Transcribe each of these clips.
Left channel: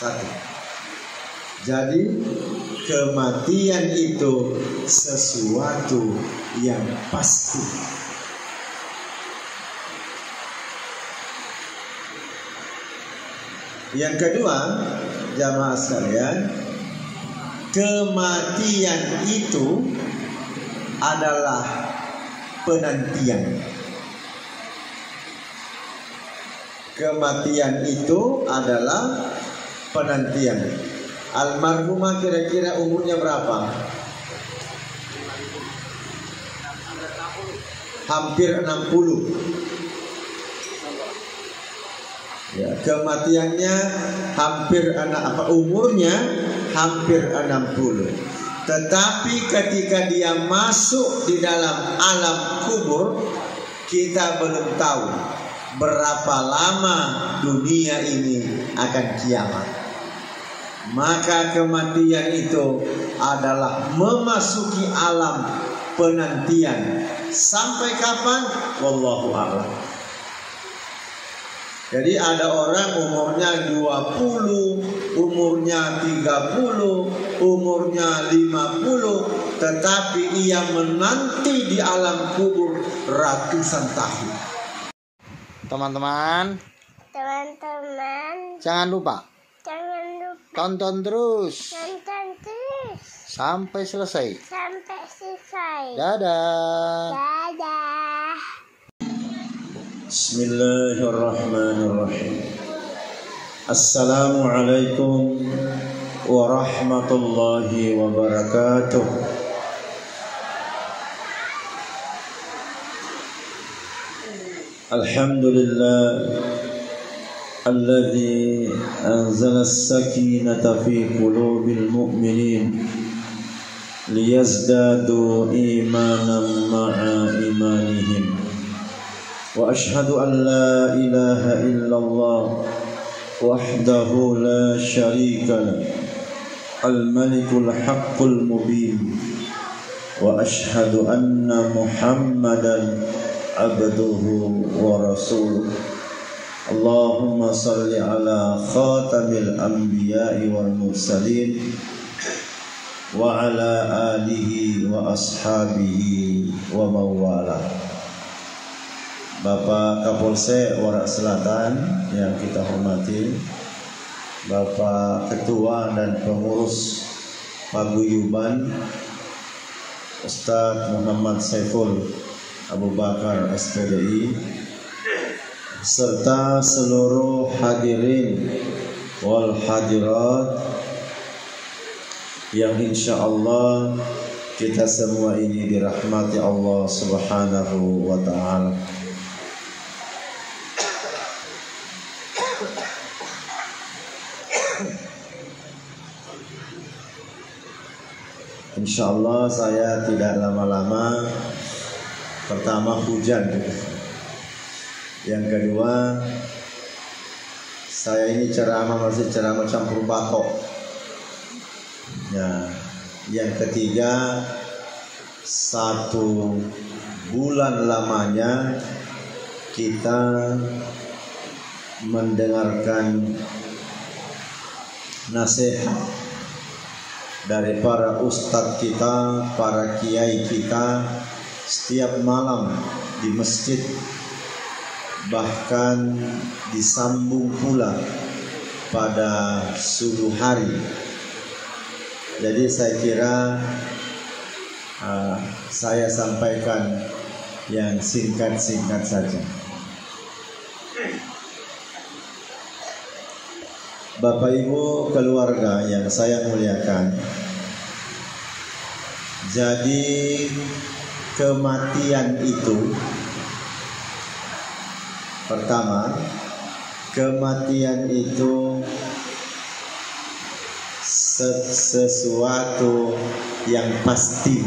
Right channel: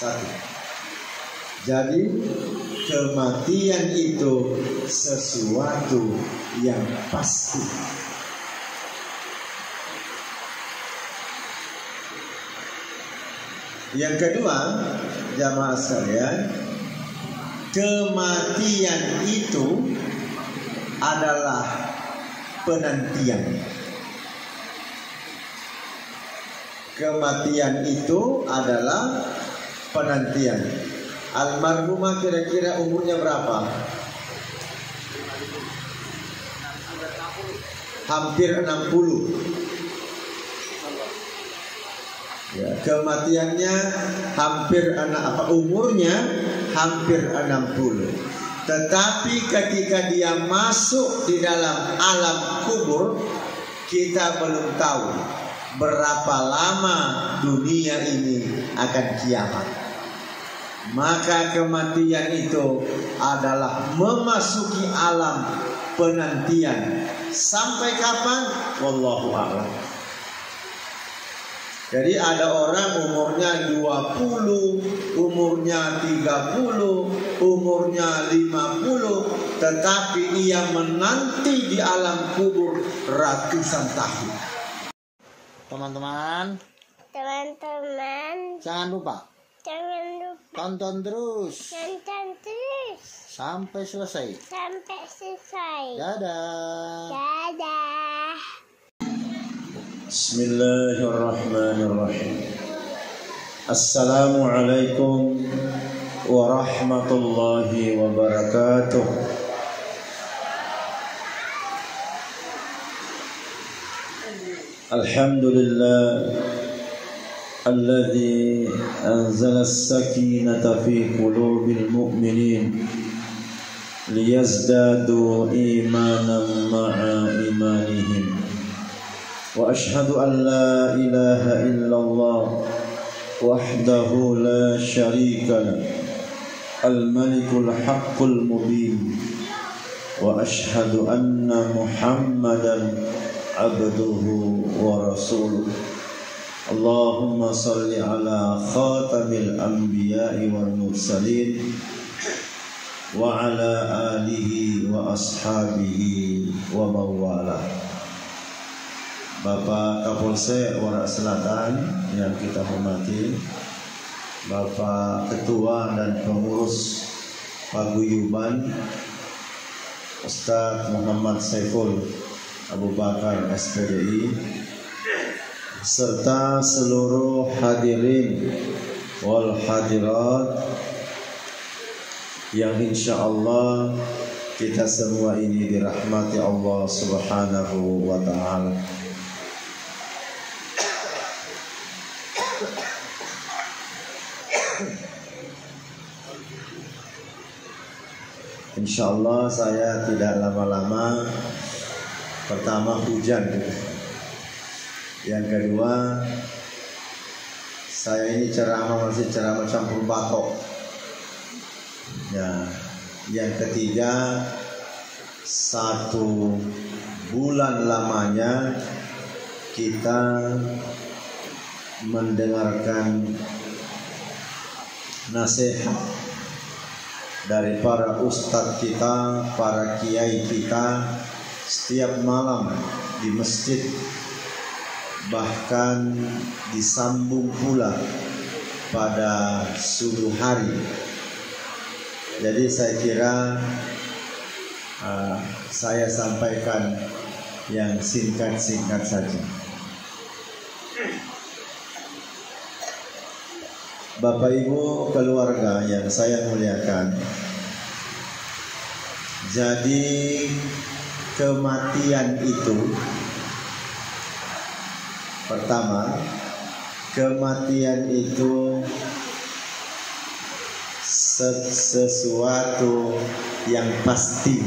Satu. Jadi kematian itu sesuatu yang pasti. Yang kedua, jamaah sekalian, kematian itu adalah penantian. Kematian itu adalah penantian. Almarhumah kira-kira umurnya berapa? Hampir 60. Ya, kematiannya hampir umurnya hampir 60. Tetapi ketika dia masuk di dalam alam kubur, kita belum tahu berapa lama dunia ini akan kiamat. Maka kematian itu adalah memasuki alam penantian. Sampai kapan? Wallahu a'lam. Jadi ada orang umurnya 20, umurnya 30, umurnya 50, tetapi ia menanti di alam kubur ratusan tahun. Teman-teman, jangan lupa tonton terus sampai selesai. Dadah. Bismillahirrahmanirrahim. Assalamualaikum warahmatullahi wabarakatuh. Alhamdulillah alladzi anzala as-sakinata fi qulubil mu'minin liyazdadu imanan ma'a imanihim. Wa ashhadu an la ilaha illallah wahdahu la syarika lah, al-malikul haqqul mubin. Wa ashhadu anna Muhammadan abduhu wa rasuluh. Allahumma salli ala khatamil anbiya'i wal mursalin wa ala alihi wa ashabihi wa mawala. Bapak Kapolsek Warak Selatan yang kita hormati, Bapak Ketua dan Pengurus Paguyuban Ustaz Muhammad Saiful Abu Bakar SPDI, serta seluruh hadirin wal hadirat yang insyaallah kita semua ini dirahmati Allah Subhanahu wa ta'ala. Insyaallah saya tidak lama-lama. Pertama hujan, yang kedua saya ini masih ceramah campur bakok. Ya, yang ketiga 1 bulan lamanya kita mendengarkan nasihat dari para ustadz kita, para kiai kita setiap malam di masjid, bahkan disambung pula pada subuh hari. Jadi saya kira saya sampaikan yang singkat-singkat saja. Bapak Ibu keluarga yang saya muliakan, jadi kematian itu, pertama, kematian itu sesuatu yang pasti.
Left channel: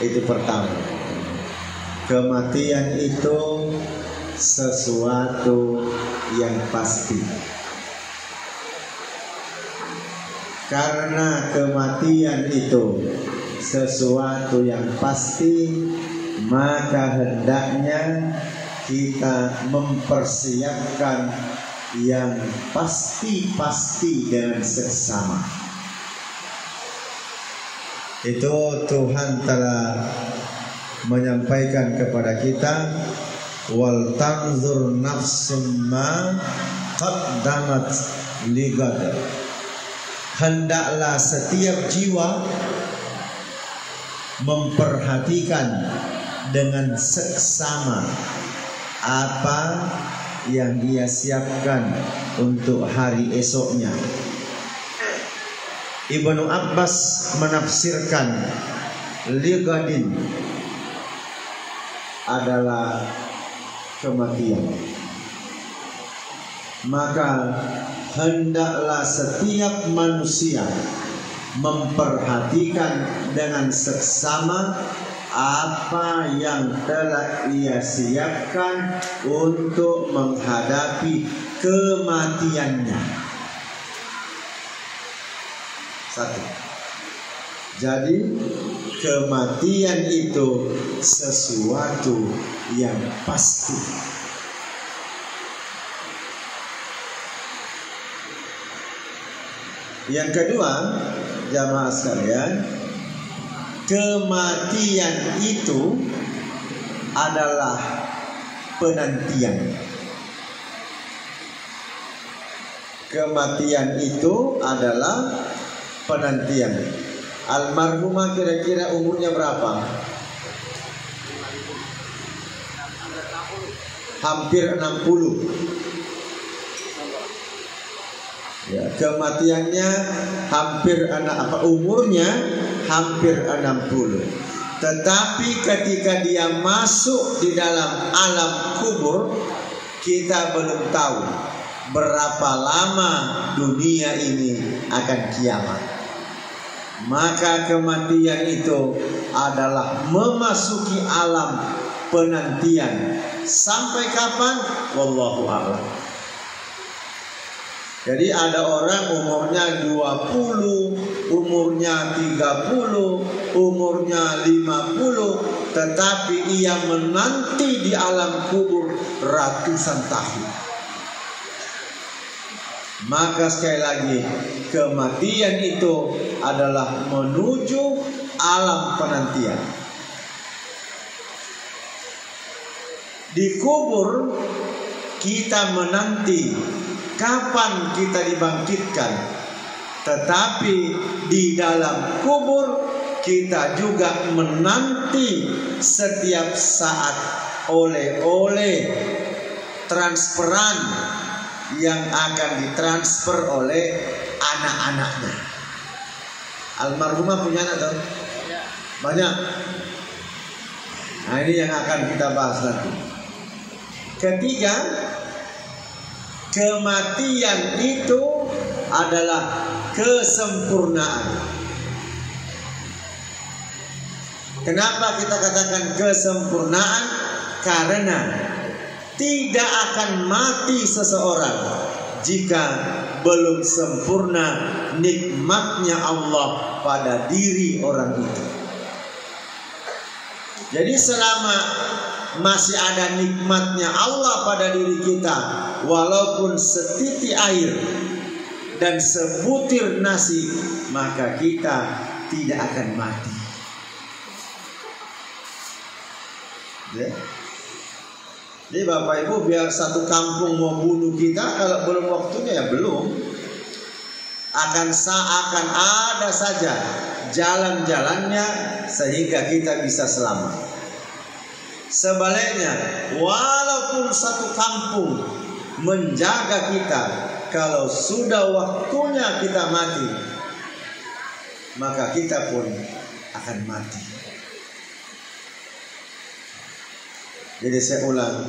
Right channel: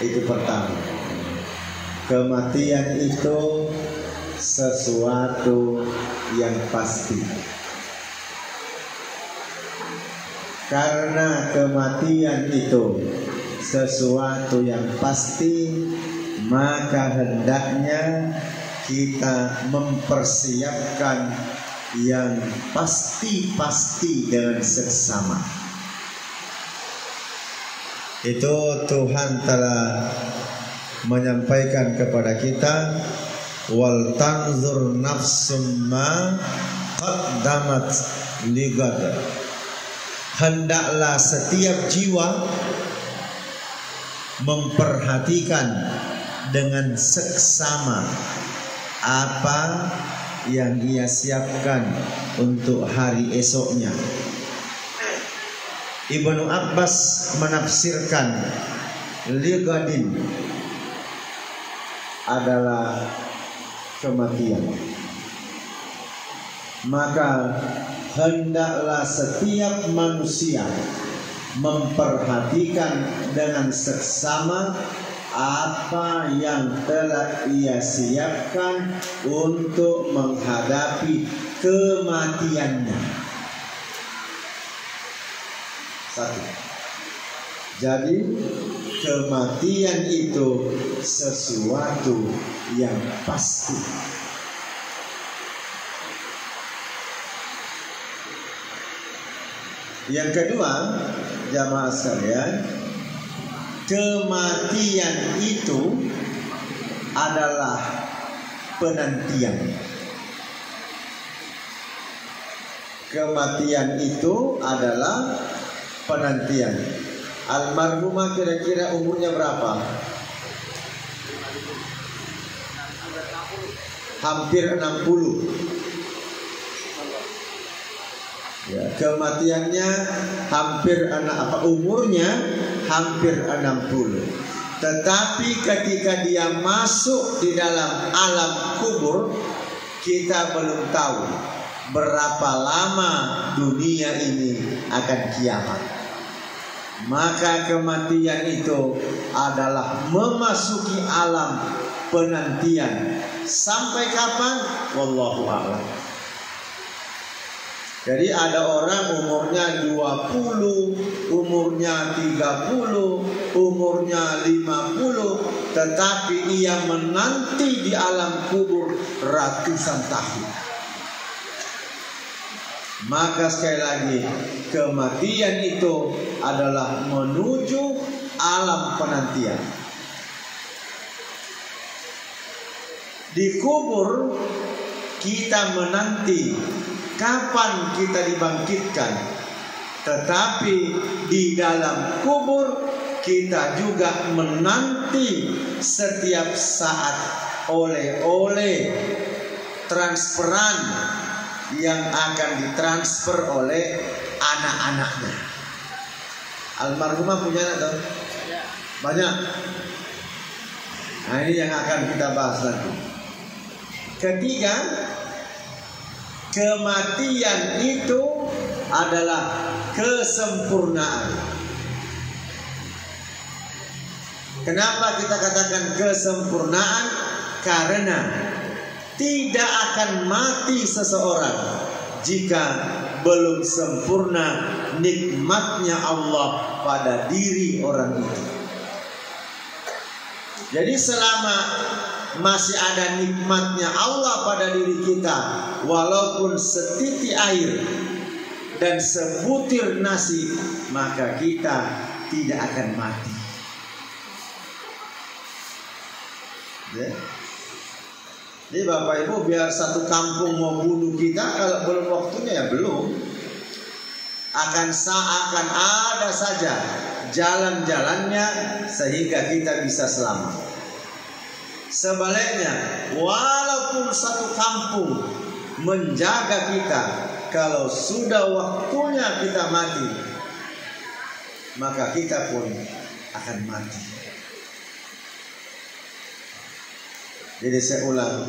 Itu pertama. Kematian itu sesuatu yang pasti. Karena kematian itu sesuatu yang pasti, maka hendaknya kita mempersiapkan yang pasti-pasti dengan seksama. Itu Tuhan telah menyampaikan kepada kita, wal tanzur nafsum ma qaddamat ligad. Hendaklah setiap jiwa memperhatikan dengan seksama apa yang dia siapkan untuk hari esoknya. Ibnu Abbas menafsirkan ligadin adalah kematian. Maka hendaklah setiap manusia memperhatikan dengan seksama apa yang telah ia siapkan untuk menghadapi kematiannya. Satu. Jadi kematian itu sesuatu yang pasti. Yang kedua, jamaah sekalian, kematian itu adalah penantian. Kematian itu adalah penantian. Almarhumah kira-kira umurnya berapa? Hampir 60. Ya, kematiannya umurnya hampir 60. Tetapi ketika dia masuk di dalam alam kubur, kita belum tahu berapa lama dunia ini akan kiamat. Maka kematian itu adalah memasuki alam penantian. Sampai kapan? Wallahu a'lam. Jadi ada orang umurnya 20, umurnya 30, umurnya 50, tetapi ia menanti di alam kubur ratusan tahun. Maka sekali lagi, kematian itu adalah menuju alam penantian. Di kubur kita menanti kapan kita dibangkitkan, tetapi di dalam kubur kita juga menanti setiap saat oleh-oleh transferan yang akan ditransfer oleh anak-anaknya. Almarhumah punya anak tuh? Banyak. Nah, ini yang akan kita bahas nanti. Ketiga, kematian itu adalah kesempurnaan. Kenapa kita katakan kesempurnaan? Karena tidak akan mati seseorang jika belum sempurna nikmatnya Allah pada diri orang itu. Jadi selama masih ada nikmatnya Allah pada diri kita, walaupun setitik air dan sebutir nasi, maka kita tidak akan mati. Ya. Jadi Bapak Ibu, biar satu kampung mau bunuh kita, kalau belum waktunya ya belum. Akan ada saja jalan-jalannya sehingga kita bisa selamat. Sebaliknya, walaupun satu kampung menjaga kita, kalau sudah waktunya kita mati, maka kita pun akan mati. Jadi saya ulang,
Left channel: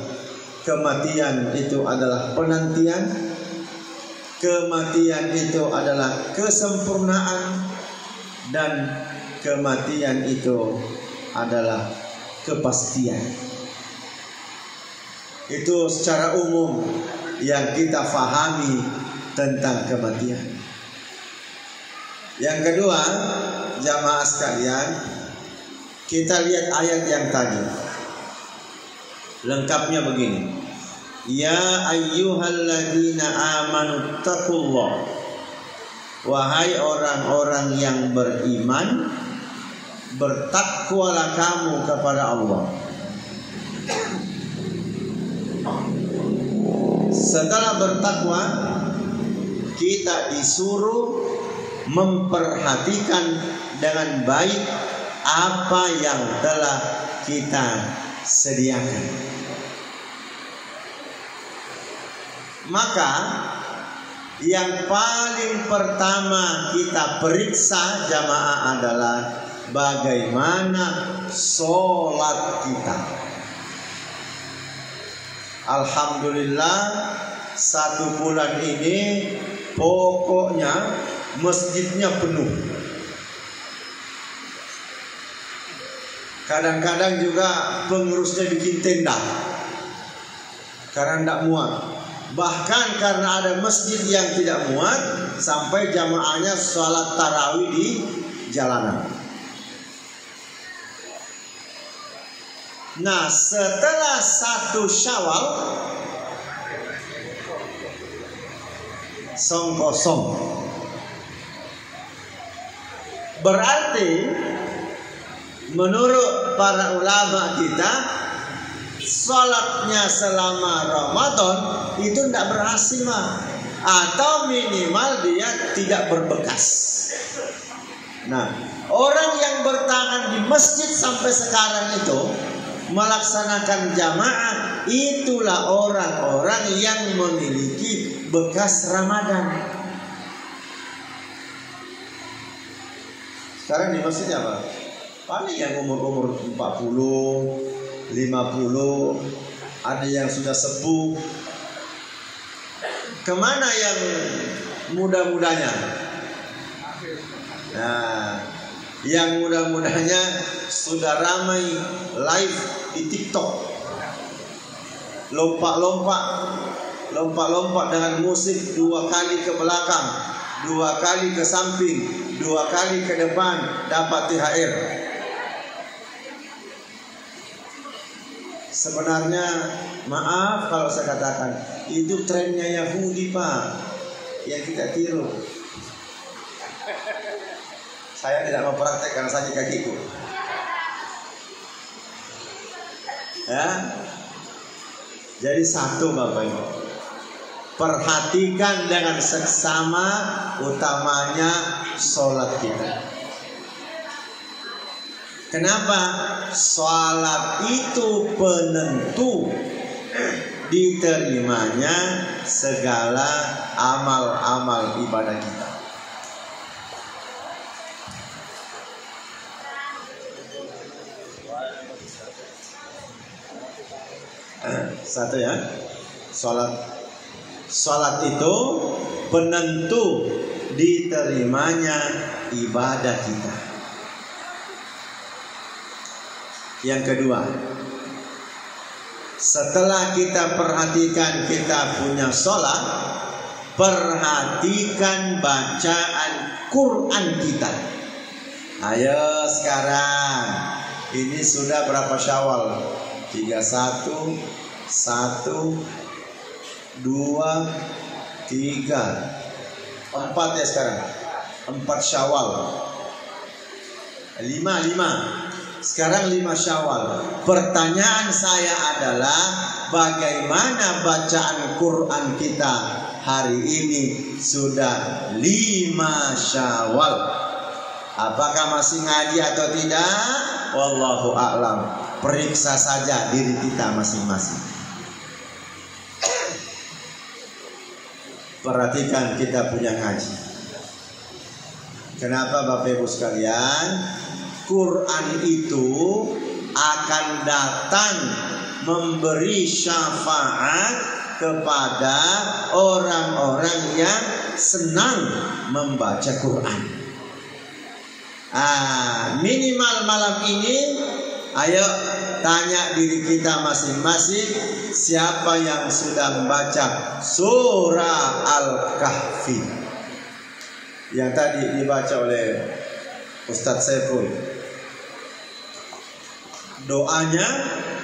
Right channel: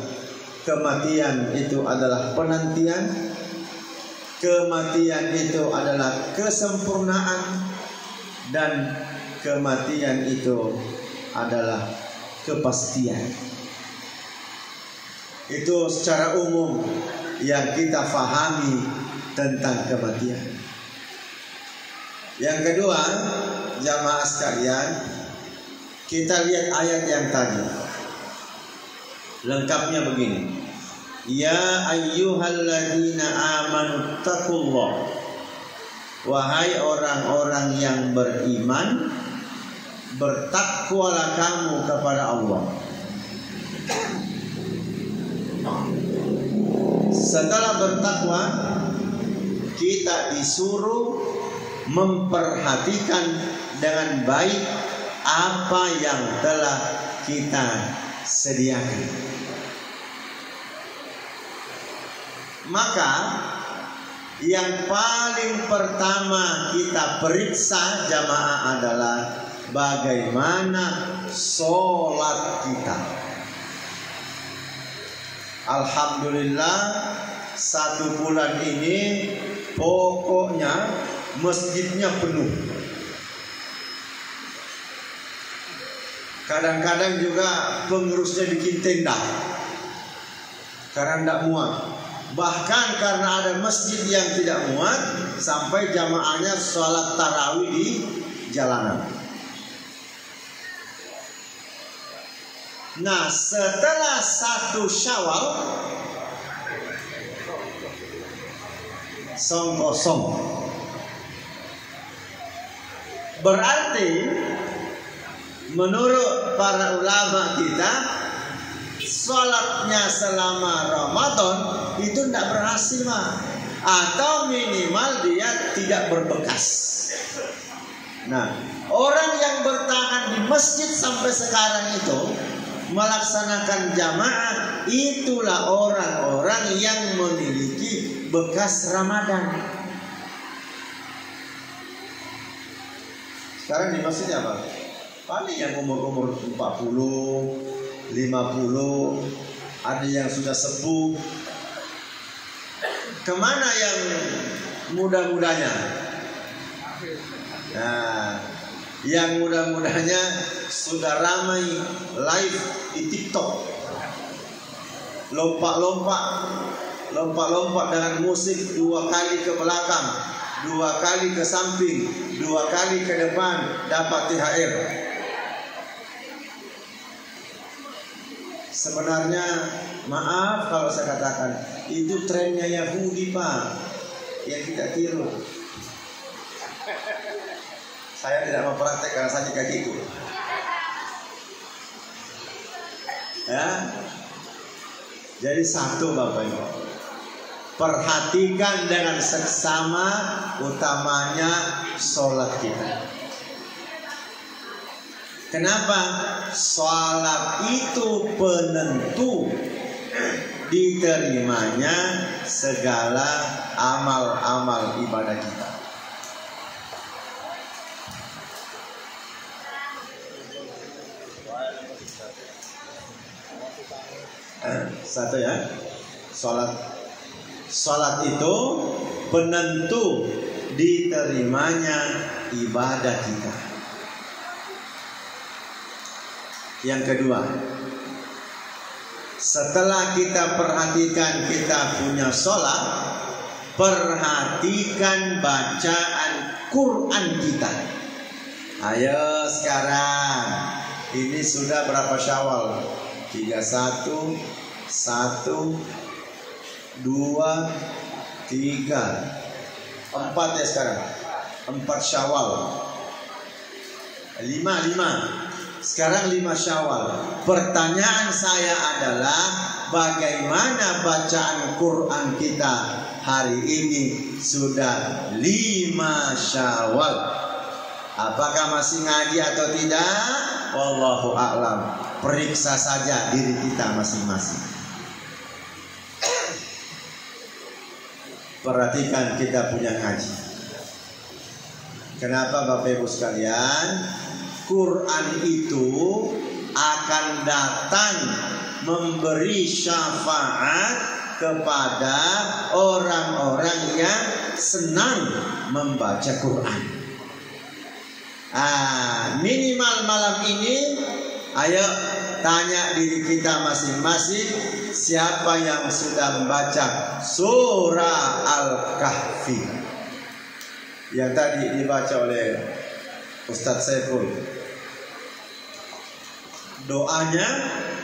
kematian itu adalah penantian, kematian itu adalah kesempurnaan, dan kematian itu adalah kepastian. Itu secara umum yang kita fahami tentang kematian. Yang kedua, jamaah sekalian, kita lihat ayat yang tadi. Lengkapnya begini. Ya ayyuhalladzina amanu taqullah, wahai orang-orang yang beriman, bertakwalah kamu kepada Allah. Setelah bertakwa, kita disuruh memperhatikan dengan baik apa yang telah kita sediakan. Maka yang paling pertama kita periksa jamaah adalah bagaimana sholat kita. Alhamdulillah, 1 bulan ini pokoknya masjidnya penuh. Kadang-kadang juga pengurusnya bikin tenda karena tidak muat. Bahkan karena ada masjid yang tidak muat, sampai jamaahnya sholat tarawih di jalanan. Nah, setelah 1 Syawal song kosong, berarti menurut para ulama kita, sholatnya selama Ramadan itu tidak berhasil, atau minimal dia tidak berbekas. Nah, orang yang bertahan di masjid sampai sekarang itu melaksanakan jamaah, itulah orang-orang yang memiliki bekas Ramadan. Sekarang di masjidnya apa? Paling yang umur-umur 40, 50, ada yang sudah sepuh. Kemana yang muda-mudanya? Nah, yang muda-mudanya sudah ramai live di TikTok, lompat-lompat dengan musik 2 kali ke belakang, 2 kali ke samping, 2 kali ke depan, dapat THR. Sebenarnya, maaf kalau saya katakan, itu trennya Yahudi, Pak, yang kita tiru. Saya tidak mau praktek karena saya juga gitu. Ya, jadi satu Bapak Ibu, perhatikan dengan seksama, utamanya sholat kita. Kenapa? Sholat itu penentu diterimanya segala amal-amal ibadah kita. Satu ya, sholat itu penentu diterimanya ibadah kita. Yang kedua, setelah kita perhatikan kita punya sholat, perhatikan bacaan Quran kita. Ayo sekarang, ini sudah berapa Syawal? 31, 1, 2, 3, 4 ya sekarang. 4 Syawal. 5. Sekarang 5 Syawal. Pertanyaan saya adalah, bagaimana bacaan Quran kita hari ini sudah 5 Syawal? Apakah masih ngaji atau tidak? Wallahu a'lam. Periksa saja diri kita masing-masing. Perhatikan kita punya ngaji. Kenapa Bapak Ibu sekalian? Quran itu akan datang memberi syafaat kepada orang-orang yang senang membaca Quran. Minimal malam ini, ayo tanya diri kita masing-masing, siapa yang sudah membaca surah Al-Kahfi yang tadi dibaca oleh Ustadz Saiful. Doanya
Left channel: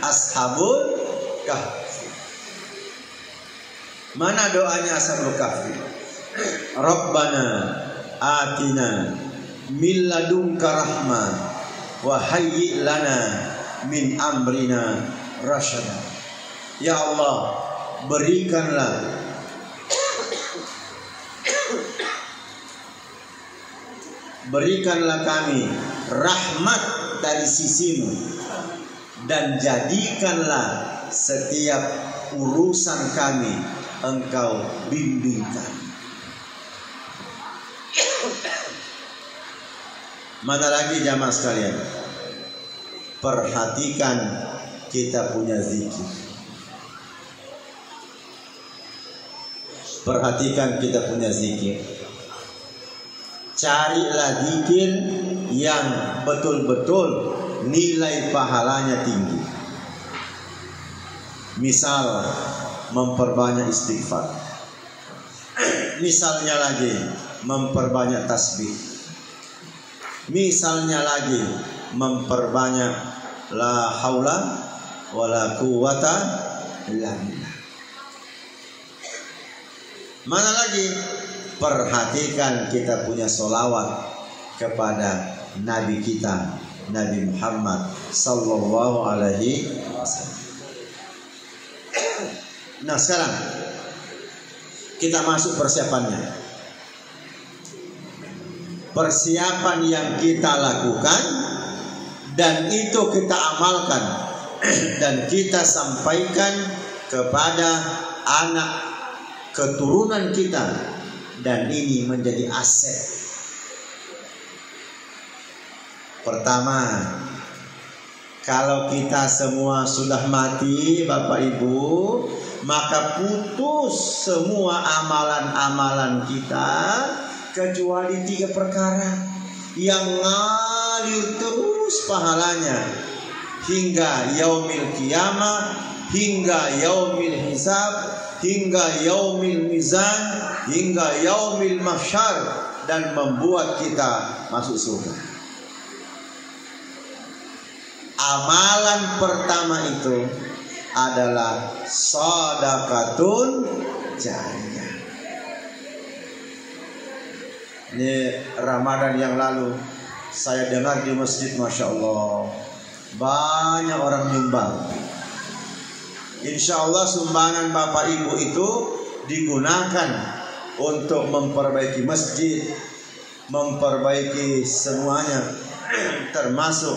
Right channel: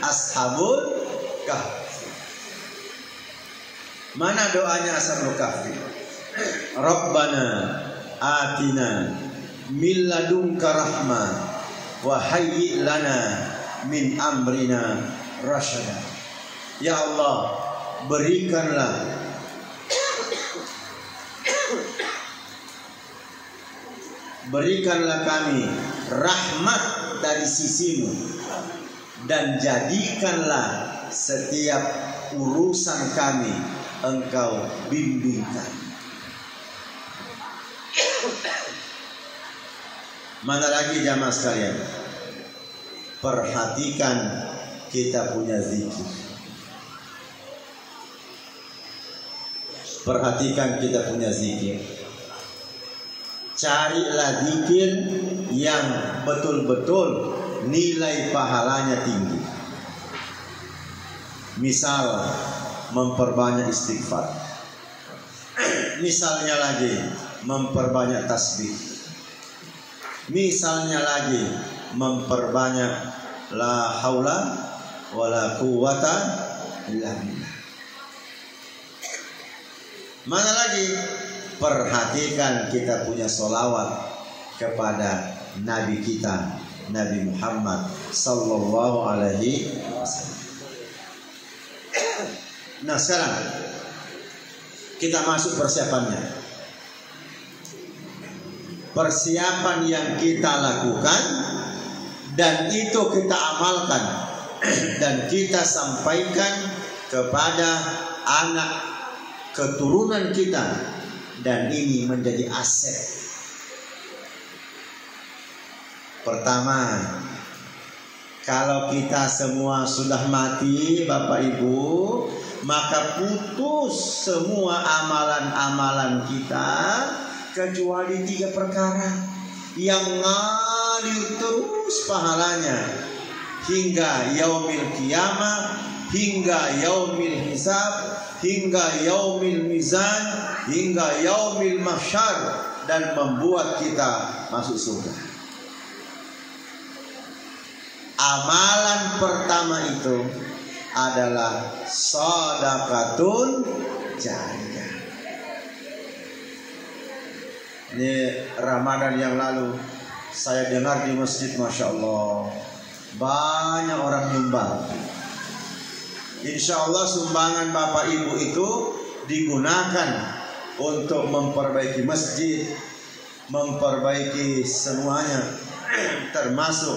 Ashabul Kahfi. Mana doanya Ashabul Kahfi? Rabbana atina min ladunka rahmah wa hayyi lana min amrina rasyada. Ya Allah, berikanlah kami rahmat dari sisimu, dan jadikanlah setiap urusan kami Engkau bimbingkan. Mana lagi jamaah sekalian? Perhatikan kita punya zikir. Perhatikan kita punya zikir. Carilah zikir yang betul-betul nilai pahalanya tinggi. Misal memperbanyak istighfar. Misalnya lagi memperbanyak tasbih. Misalnya lagi memperbanyak la haula wala quwata illa billah. Mana lagi? Perhatikan kita punya sholawat kepada Nabi kita, Nabi Muhammad sallallahu alaihi wasallam. Nah sekarang kita masuk persiapannya. Persiapan yang kita lakukan dan itu kita amalkan dan kita sampaikan kepada anak keturunan kita, dan ini menjadi aset. Pertama, kalau kita semua sudah mati Bapak Ibu, maka putus semua amalan-amalan kita kecuali 3 perkara yang ngalir terus pahalanya hingga yaumil qiyamah, hingga yaumil hisab, hingga yaumil mizan, hingga yaumil mahsyar, dan membuat kita masuk surga. Amalan pertama itu adalah shadaqatun jariyah. Ini Ramadan yang lalu saya dengar di masjid, Masya Allah, banyak orang nyumbang. Insya Allah sumbangan Bapak Ibu itu digunakan untuk memperbaiki masjid, memperbaiki semuanya, termasuk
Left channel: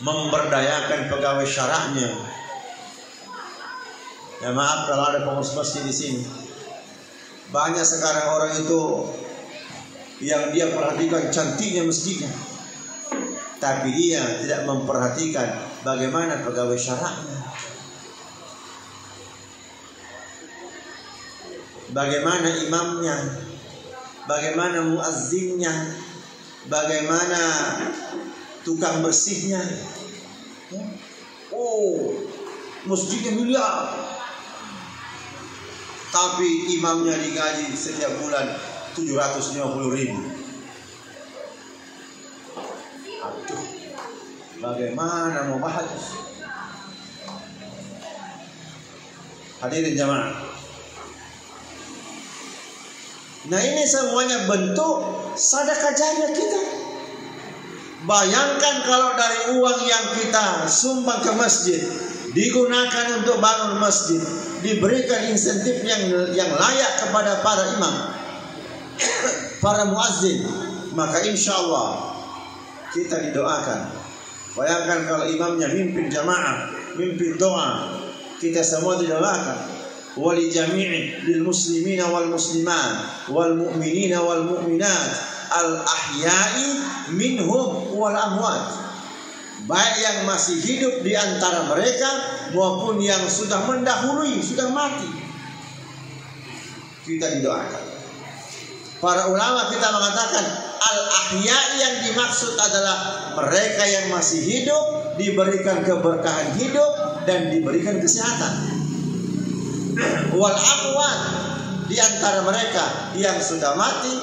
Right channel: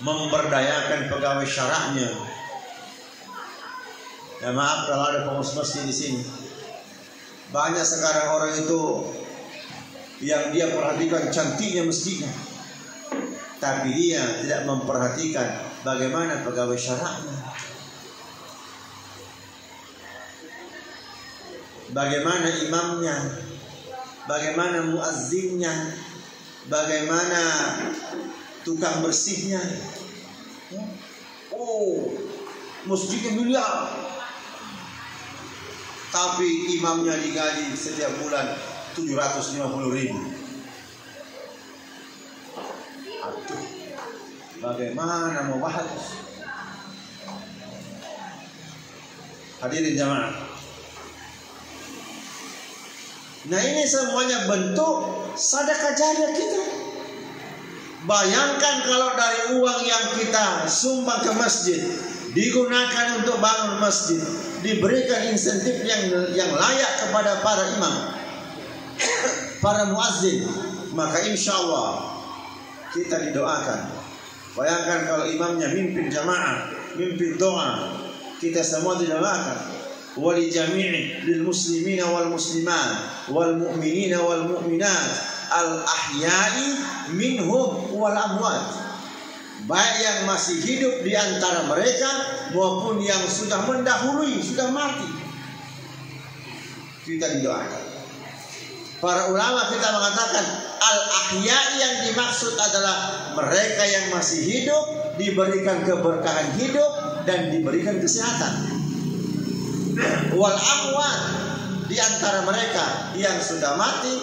memberdayakan pegawai syarahnya. Ya maaf kalau ada pengurus masjid di sini. Banyak sekarang orang itu yang dia perhatikan cantiknya masjidnya, tapi dia tidak memperhatikan bagaimana pegawai syarahnya, bagaimana imamnya, bagaimana muazzinnya, bagaimana tukang bersihnya. Oh, masjidnya miliar, tapi imamnya digaji setiap bulan 750.000. Aduh, bagaimana mau bahas? Hadirin jamaah. Nah ini semuanya bentuk sedekah jariah kita. Bayangkan kalau dari uang yang kita sumbang ke masjid digunakan untuk bangun masjid, diberikan insentif yang layak kepada para imam, para muazzin, maka insya Allah kita didoakan. Bayangkan kalau imamnya mimpin jamaah, mimpin doa, kita semua didoakan. Wali jami'i lil muslimina wal muslimat wal mu'minina wal mu'minat al ahya'i minhum wal amwat, baik yang masih hidup di antara mereka maupun yang sudah mendahului, sudah mati, kita didoakan. Para ulama kita mengatakan al-ahya yang dimaksud adalah mereka yang masih hidup diberikan keberkahan hidup dan diberikan kesehatan. Wal amwat, di antara mereka yang sudah mati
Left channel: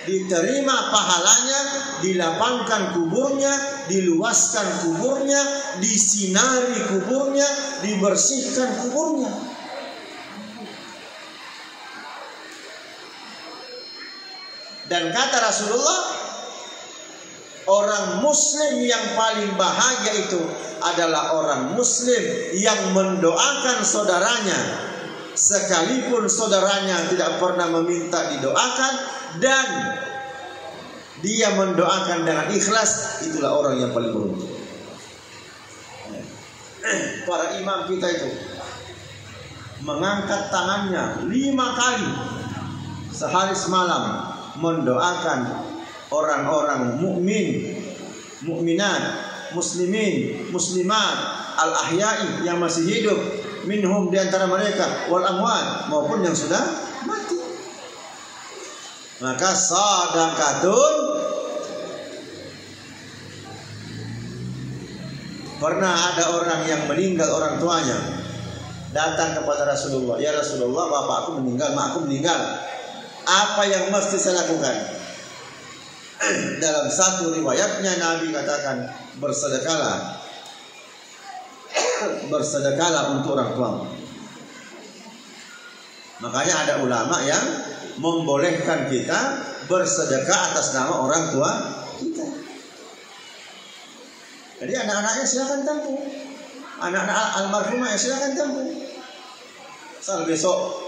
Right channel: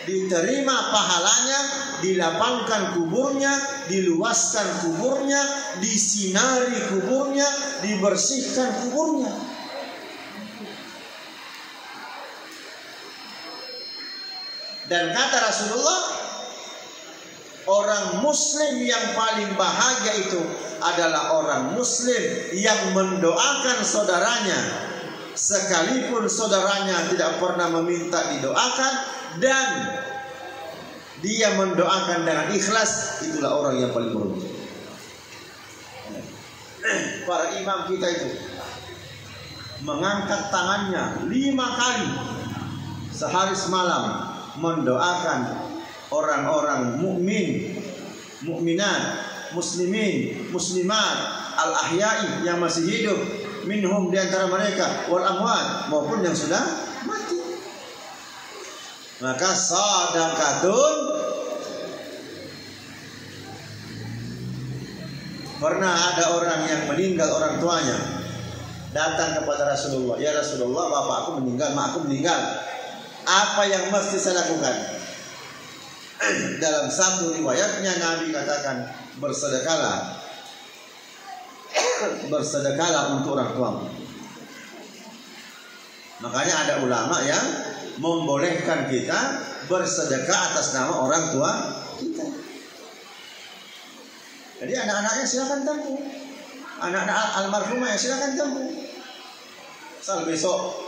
diterima pahalanya, dilapangkan kuburnya, diluaskan kuburnya, disinari kuburnya, dibersihkan kuburnya. Dan kata Rasulullah, orang muslim yang paling bahagia itu adalah orang muslim yang mendoakan saudaranya sekalipun saudaranya tidak pernah meminta didoakan, dan dia mendoakan dengan ikhlas. Itulah orang yang paling beruntung. Para imam kita itu mengangkat tangannya 5 kali sehari semalam mendoakan orang-orang mukmin, mukminat, muslimin, muslimat, al-ahya'i yang masih hidup, minhum di antara mereka, wal amwat, maupun yang sudah mati. Maka sadaqatun, pernah ada orang yang meninggal orang tuanya, datang kepada Rasulullah, ya Rasulullah, bapakku meninggal, makku meninggal, apa yang mesti saya lakukan? Dalam satu riwayatnya Nabi katakan, bersedekahlah, bersedekahlah untuk orang tua. Makanya ada ulama yang membolehkan kita bersedekah atas nama orang tua kita. Jadi anak-anaknya silakan tampung, anak-anak almarhumah ya silakan tampung. Asal besok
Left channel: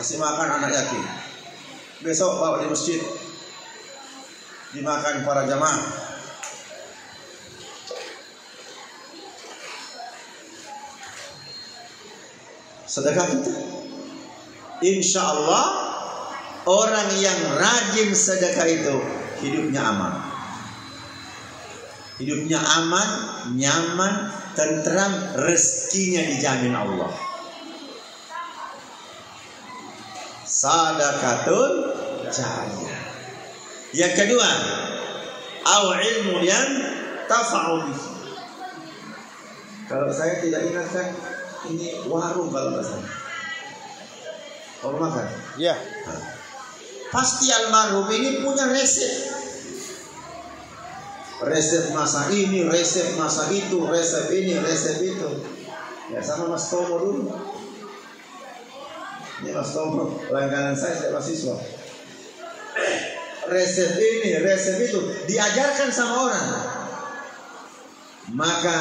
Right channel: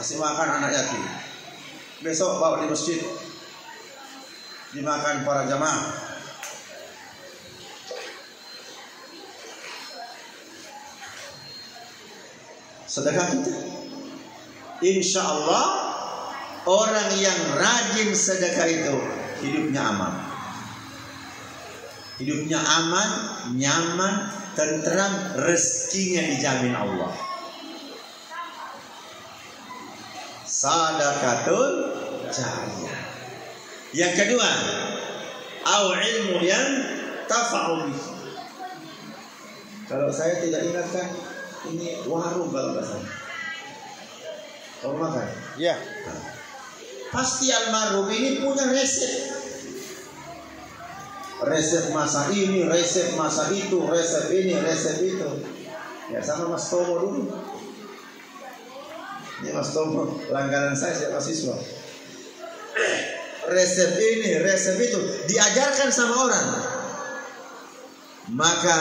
kasih makan anak yatim, besok bawa di masjid dimakan para jamaah. Sedekah kita, insya Allah orang yang rajin sedekah itu hidupnya aman. Hidupnya aman, nyaman, tentram, rezekinya dijamin Allah. Sadaqatun jariyah. Yang kedua, au ilmu yang tafa'u. Kalau saya tidak ingatkan, ini warung kalau nggak salah. Warung makan? Ya. Nah, pasti almarhum ini punya resep. Resep masak ini, resep masak itu, resep ini, resep itu. Ya sama Mas Tomo dulu. Ini Mas Tomo, langganan saya sejak mahasiswa. Resep ini, resep itu diajarkan sama orang. Maka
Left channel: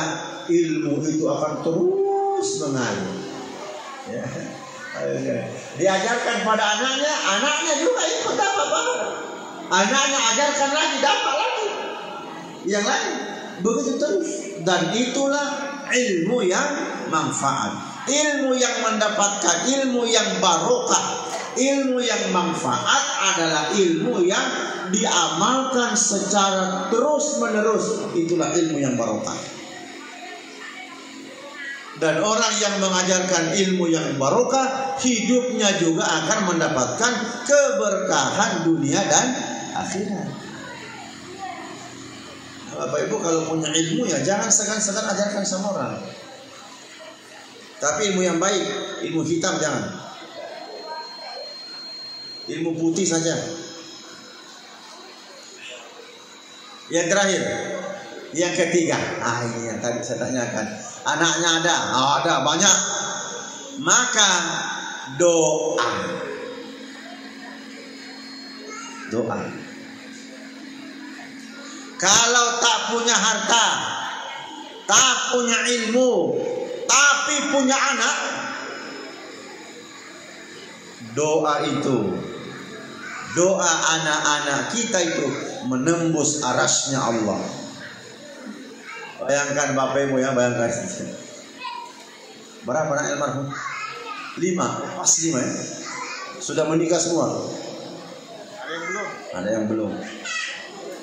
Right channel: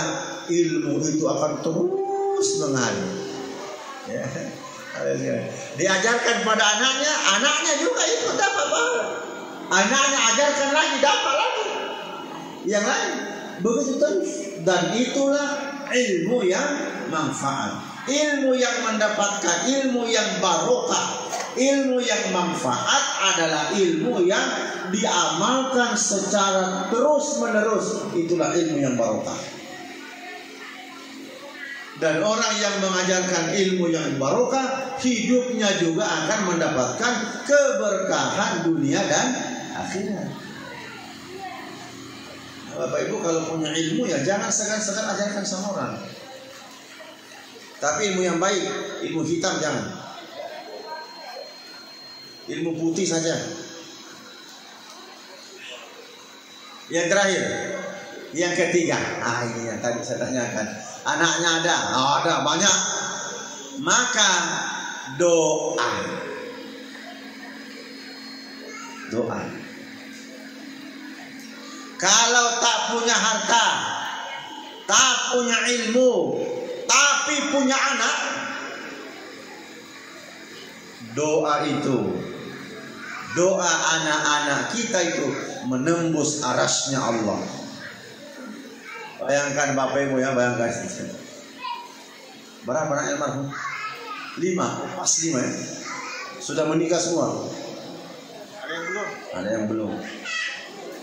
ilmu itu akan terus mengalir. Ya. Diajarkan pada anaknya, anaknya juga ikut dapat barang. Anaknya ajarkan lagi, dapat lagi. Yang lain begitu terus, dan itulah ilmu yang manfaat, ilmu yang mendapatkan, ilmu yang barokah, ilmu yang manfaat adalah ilmu yang diamalkan secara terus menerus. Itulah ilmu yang barokah. Dan orang yang mengajarkan ilmu yang barokah, hidupnya juga akan mendapatkan keberkahan dunia dan akhirat. Bapak Ibu kalau punya ilmu ya jangan segan-segan ajarkan sama orang. Tapi ilmu yang baik, ilmu hitam jangan. Ilmu putih saja. Yang terakhir, yang ketiga, ini yang tadi saya tanyakan. Anaknya ada banyak. Maka doa. Kalau tak punya harta, tak punya ilmu, tapi punya anak, doa itu, doa anak-anak kita itu menembus arasnya Allah. Bayangkan Bapak Ibu ya, bayangkan. Berapa anak almarhum? 5, pas 5 ya. Sudah menikah semua. Ada yang belum? Ada yang belum.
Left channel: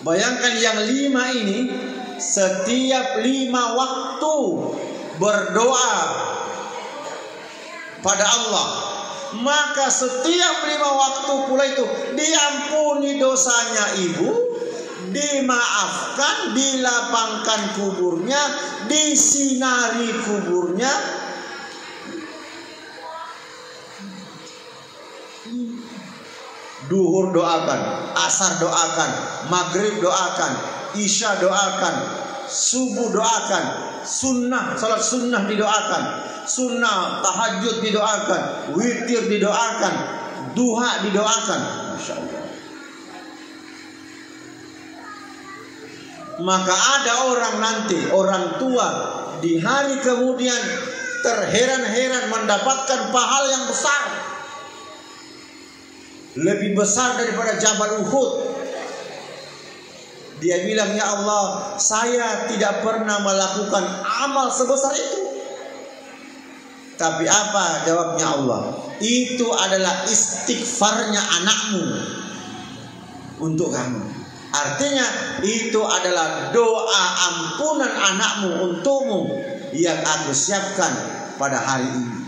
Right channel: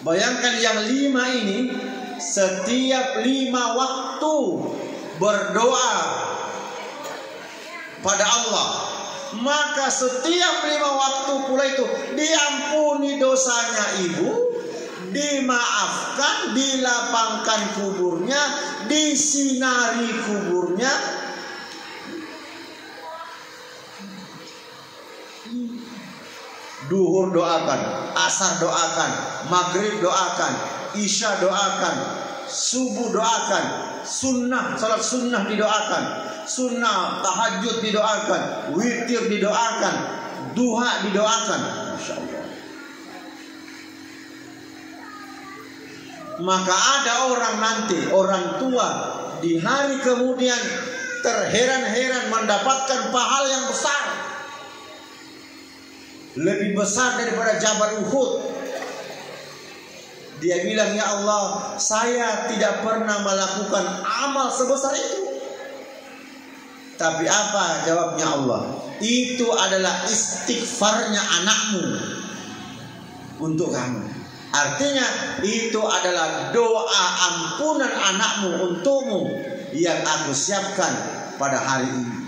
Bayangkan yang 5 ini setiap 5 waktu berdoa pada Allah, maka setiap 5 waktu pula itu diampuni dosanya ibu, dimaafkan, dilapangkan kuburnya, disinari kuburnya. Duhur doakan, asar doakan, maghrib doakan, isya doakan, subuh doakan, sunnah, salat sunnah didoakan, sunnah tahajud didoakan, witir didoakan, duha didoakan. Masya Allah. maka ada orang nanti, orang tua di hari kemudian terheran-heran mendapatkan pahala yang besar, lebih besar daripada Jabal Uhud. Dia bilang, ya Allah, saya tidak pernah melakukan amal sebesar itu. Tapi apa jawabnya Allah? Itu adalah istighfarnya anakmu untuk kamu. Artinya itu adalah doa ampunan anakmu untukmu yang aku siapkan pada hari ini.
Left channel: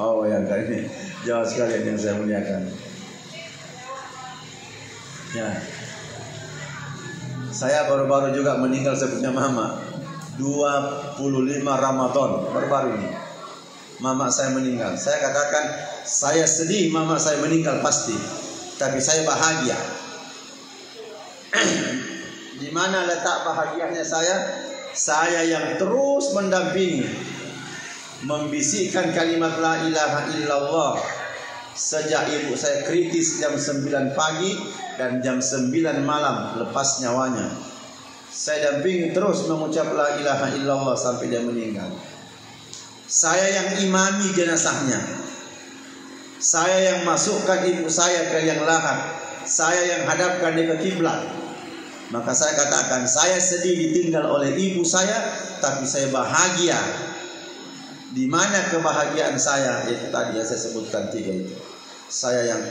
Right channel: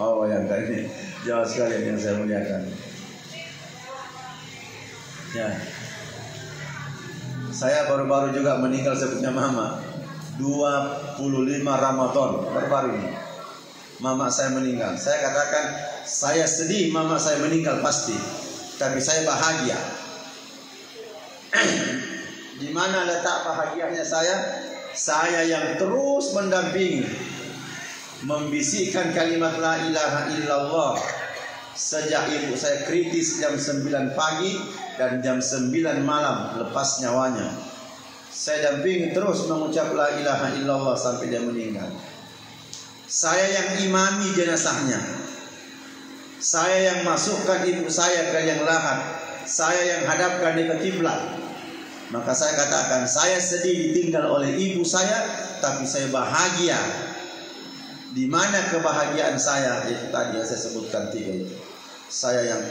Oh, yang tadi jauh sekali yang saya muliakan. Ya, saya baru-baru juga meninggal sebutnya mama. 25 Ramadan baru-baru ini mama saya meninggal. Saya katakan saya sedih mama saya meninggal pasti, tapi saya bahagia. Di mana letak bahagianya saya? Saya yang terus mendampingi, membisikkan kalimat la ilaha illallah sejak ibu saya kritis jam 9 pagi dan jam 9 malam lepas nyawanya. Saya dampingi terus mengucap la ilaha illallah sampai dia meninggal. Saya yang imami jenazahnya. Saya yang masukkan ibu saya ke liang lahat. Saya yang hadapkan dia ke kiblat. Maka saya katakan, saya sedih ditinggal oleh ibu saya, tapi saya bahagia. Di mana kebahagiaan saya? Itu tadi yang saya sebutkan 3 itu. Saya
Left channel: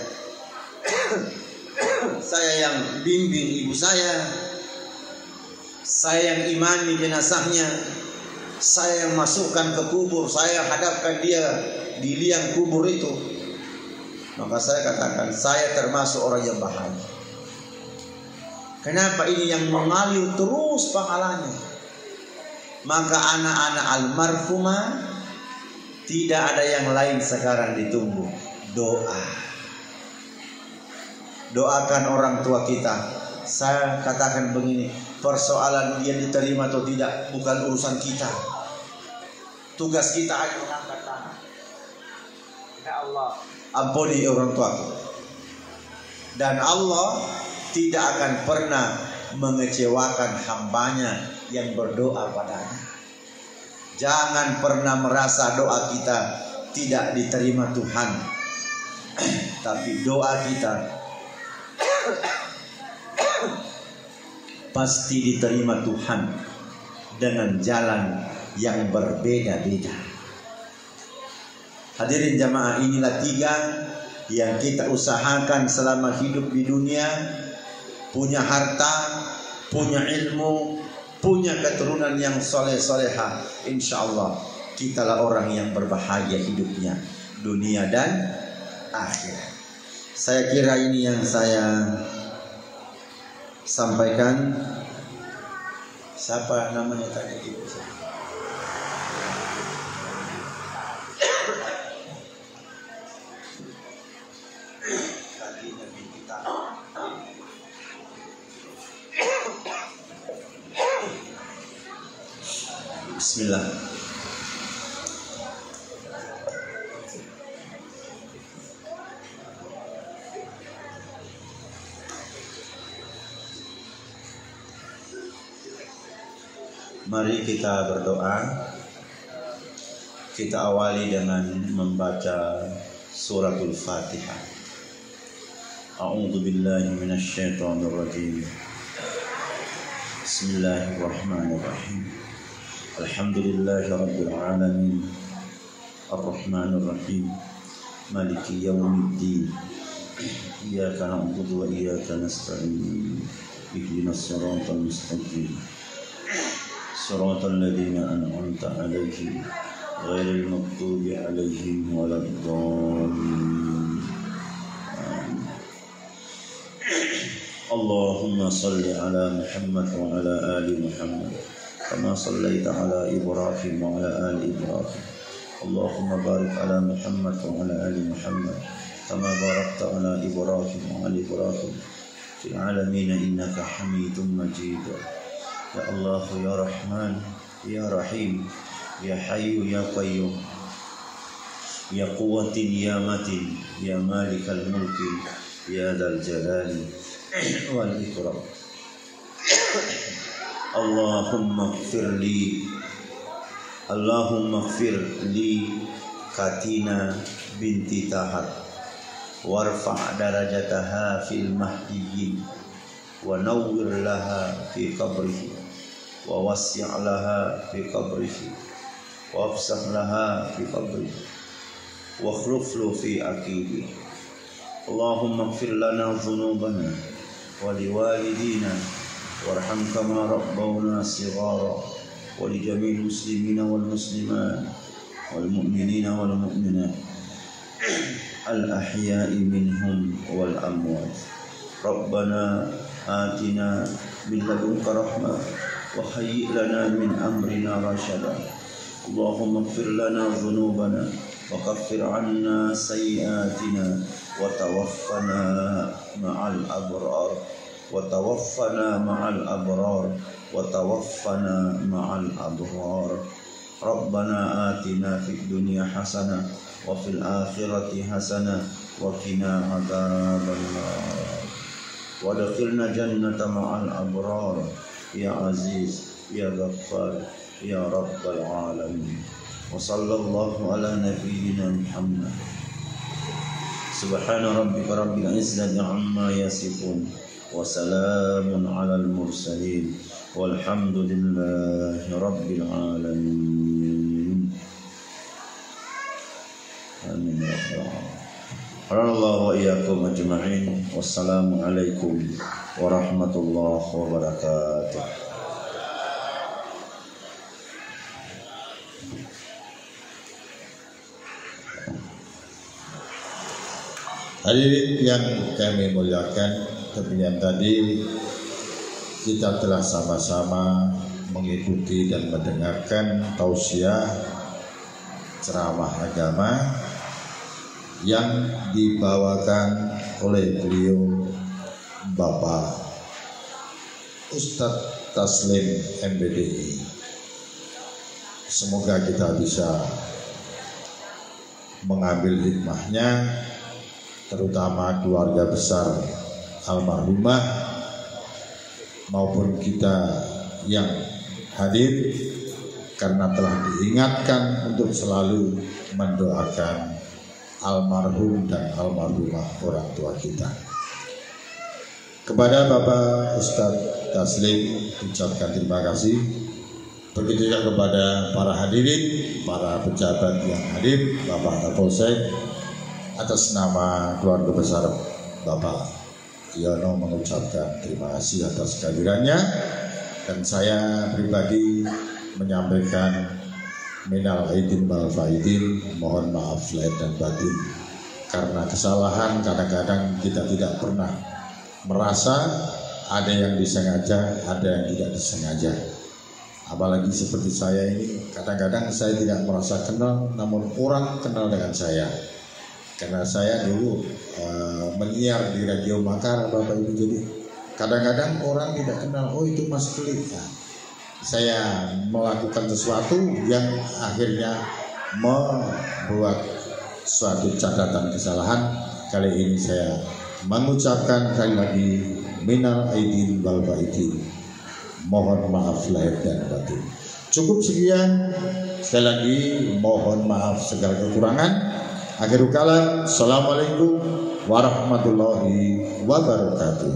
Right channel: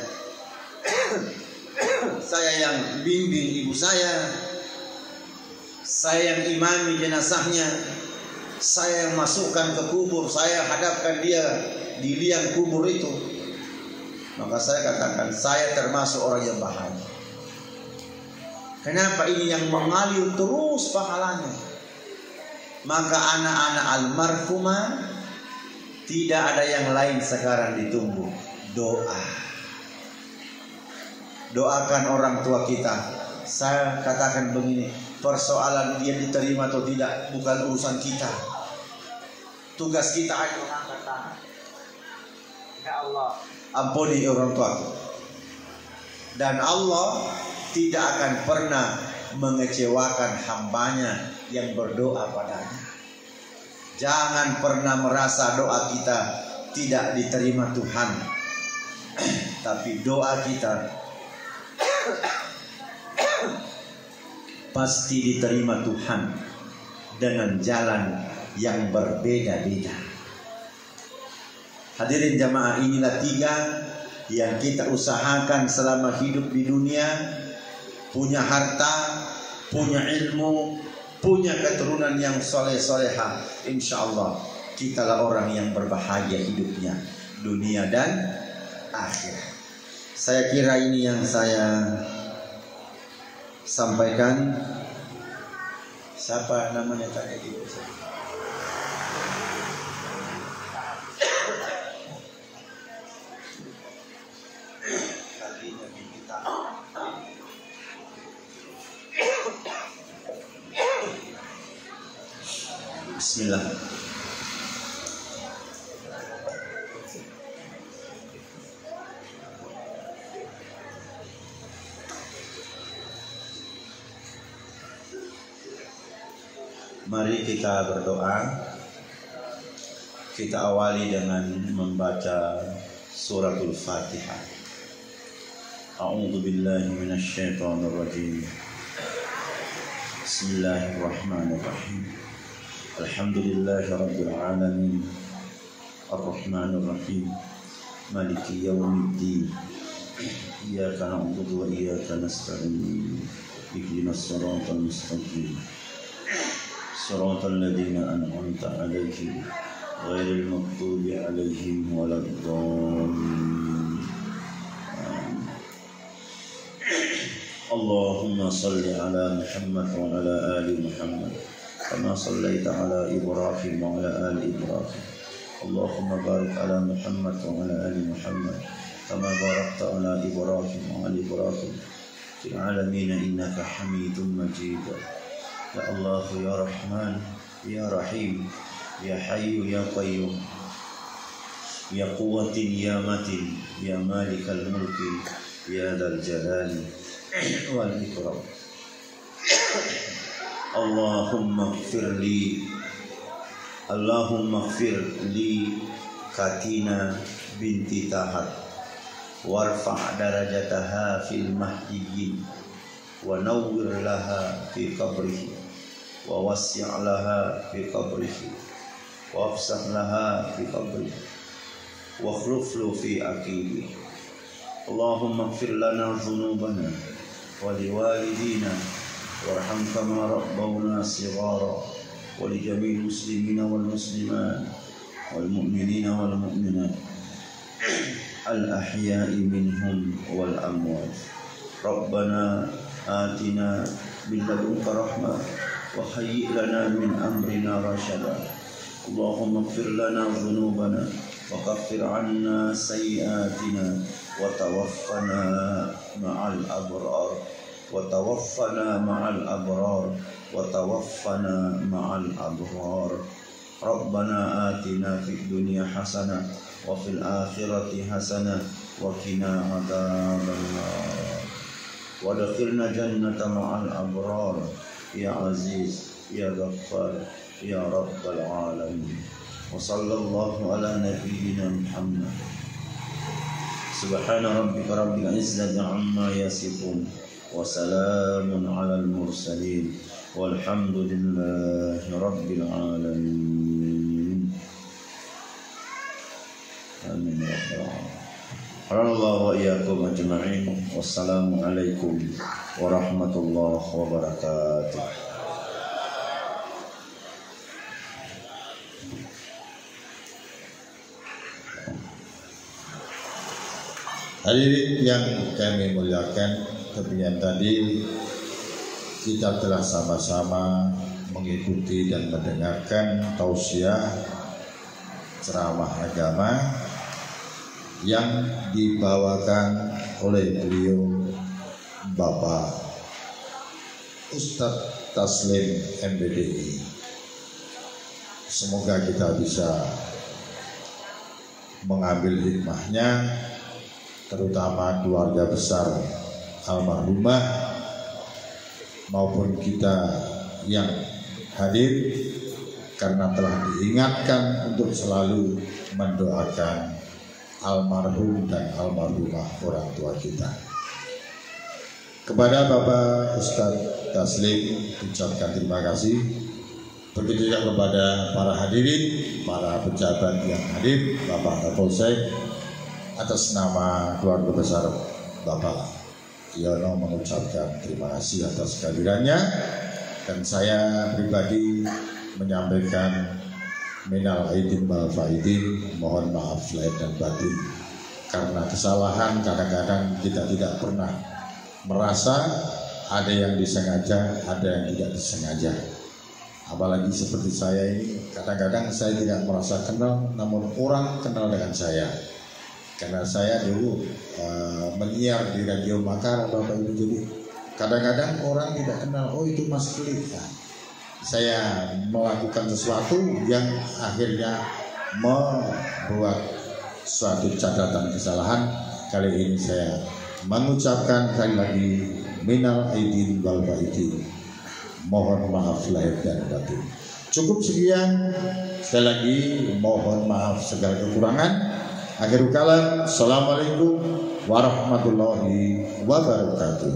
yang bimbing ibu saya. Saya yang imami jenazahnya, saya yang masukkan ke kubur, saya hadapkan dia di liang kubur itu. Maka saya katakan, saya termasuk orang yang bahagia. Kenapa? Ini yang mengalir terus pahalanya. Maka anak-anak almarhumah tidak ada yang lain sekarang ditunggu, doa. Doakan orang tua kita. Saya katakan begini, persoalan dia diterima atau tidak bukan urusan kita. Tugas kita hanya mengangkat tangan. Ya Allah, ampuni orang tuaku. Dan Allah tidak akan pernah mengecewakan hambanya yang berdoa padanya. Jangan pernah merasa doa kita tidak diterima Tuhan. Tapi doa kita pasti diterima Tuhan dengan jalan yang berbeda-beda. Hadirin jamaah, inilah 3 yang kita usahakan selama hidup di dunia. Punya harta, punya ilmu, punya keturunan yang soleh-soleha. Insya Allah kitalah orang yang berbahagia hidupnya, dunia dan akhirat. Saya kira ini yang saya sampaikan. Siapa namanya tadi itu? Bismillah. Mari kita berdoa. Kita awali dengan membaca suratul Fatihah. A'udzu billahi minasyaitonir rajim. Bismillahirrahmanirrahim. Alhamdulillahi rabbil alamin. Ar-Rahmanir Rahim. Maliki yaumiddin. Iyyaka na'budu wa iyyaka nasta'in. Ihdinas siratal mustaqim. Siratal ladzina an'amta 'alaihim ghairil maghdubi 'alaihim waladdallin. Allahumma salli ala Muhammad wa ala ali Muhammad kama sallaita ala Ibrahim wa ala ali Ibrahim. Allahumma barik ala Muhammad wa ala ali Muhammad kama barakta ala Ibrahim wa ali Ibrahim fil alamin innaka Hamidum Majid. Ya Allah, ya Rahman, ya Rahim, ya Hayyu, ya Qayyum, ya Quwwatin, ya Matin, ya Malikal Mulki, ya Dzal Jalali wal Ikram. Allahumma ighfir li Katina binti Tahat warfa' darajataha fil mahdiyyin wa nawwir laha fi qabrihi wa wassi' laha fi qabrihi wa afsah laha fi qabrihi wa akhlif lu fi aqibihi. Allahumma ighfir lana dhunubana wa liwalidina warham kama rabbawna shighara wa li jami'il muslimina wal muslimat wal mu'minina wal mu'minat al ahya'i minhum wal amwat. Rabbana atina min ladunka rahmah wa hayyi' lana min amrina rashada. Allahumma ighfir lana dhunubana wa kaffir 'anna sayyi'atina wa tawaffana ma'al abrar wa tawaffana ma'al abrar wa tawaffana ma'al abrar. Rabbana atina fid dunya hasanah wa fil akhirati hasanah wa qina adzabannar wa adkhilna jannata ma'al abrar ya aziz ya ghaffar ya rabbal alamin. Wa sallallahu ala nabiyyina Muhammad. Subhana rabbika rabbil izzati amma yasifun wa salamun alal mursalin walhamdulillahi rabbil alamin. Amin ya rabbal alamin. Wa iyyakum ajma'in. Wassalamu alaikum warahmatullahi wabarakatuh. Hadirin yang kami muliakan, kemudian tadi kita telah sama-sama mengikuti dan mendengarkan tausiah ceramah agama yang dibawakan oleh beliau Bapak Ustadz Taslim MBDI. Semoga kita bisa mengambil hikmahnya, terutama keluarga besar almarhumah maupun kita yang hadir, karena telah diingatkan untuk selalu mendoakan almarhum dan almarhumah orang tua kita. Kepada Bapak Ustadz Taslim ucapkan terima kasih. Begitu juga kepada para hadirin, para pejabat yang hadir, Bapak Kapolsek, atas nama keluarga besar Bapak Yono mengucapkan terima kasih atas kehadirannya, dan saya pribadi menyampaikan minal aidin wal faidin, mohon maaf lahir dan batin, karena kesalahan kadang-kadang kita tidak pernah merasa, ada yang disengaja, ada yang tidak disengaja. Apalagi seperti saya ini, kadang-kadang saya tidak merasa kenal, namun orang kenal dengan saya. Karena saya dulu menyiar di Radio Makassar, Bapak Ibu, jadi kadang-kadang orang tidak kenal, oh itu Mas Klik. Nah, saya melakukan sesuatu yang akhirnya membuat suatu catatan kesalahan. Kali ini saya mengucapkan sekali lagi minal aidin wal faidin, mohon maaf lahir dan batin. Cukup sekian, sekali lagi mohon maaf segala kekurangan. Akhirul kalam, assalamualaikum warahmatullahi wabarakatuh.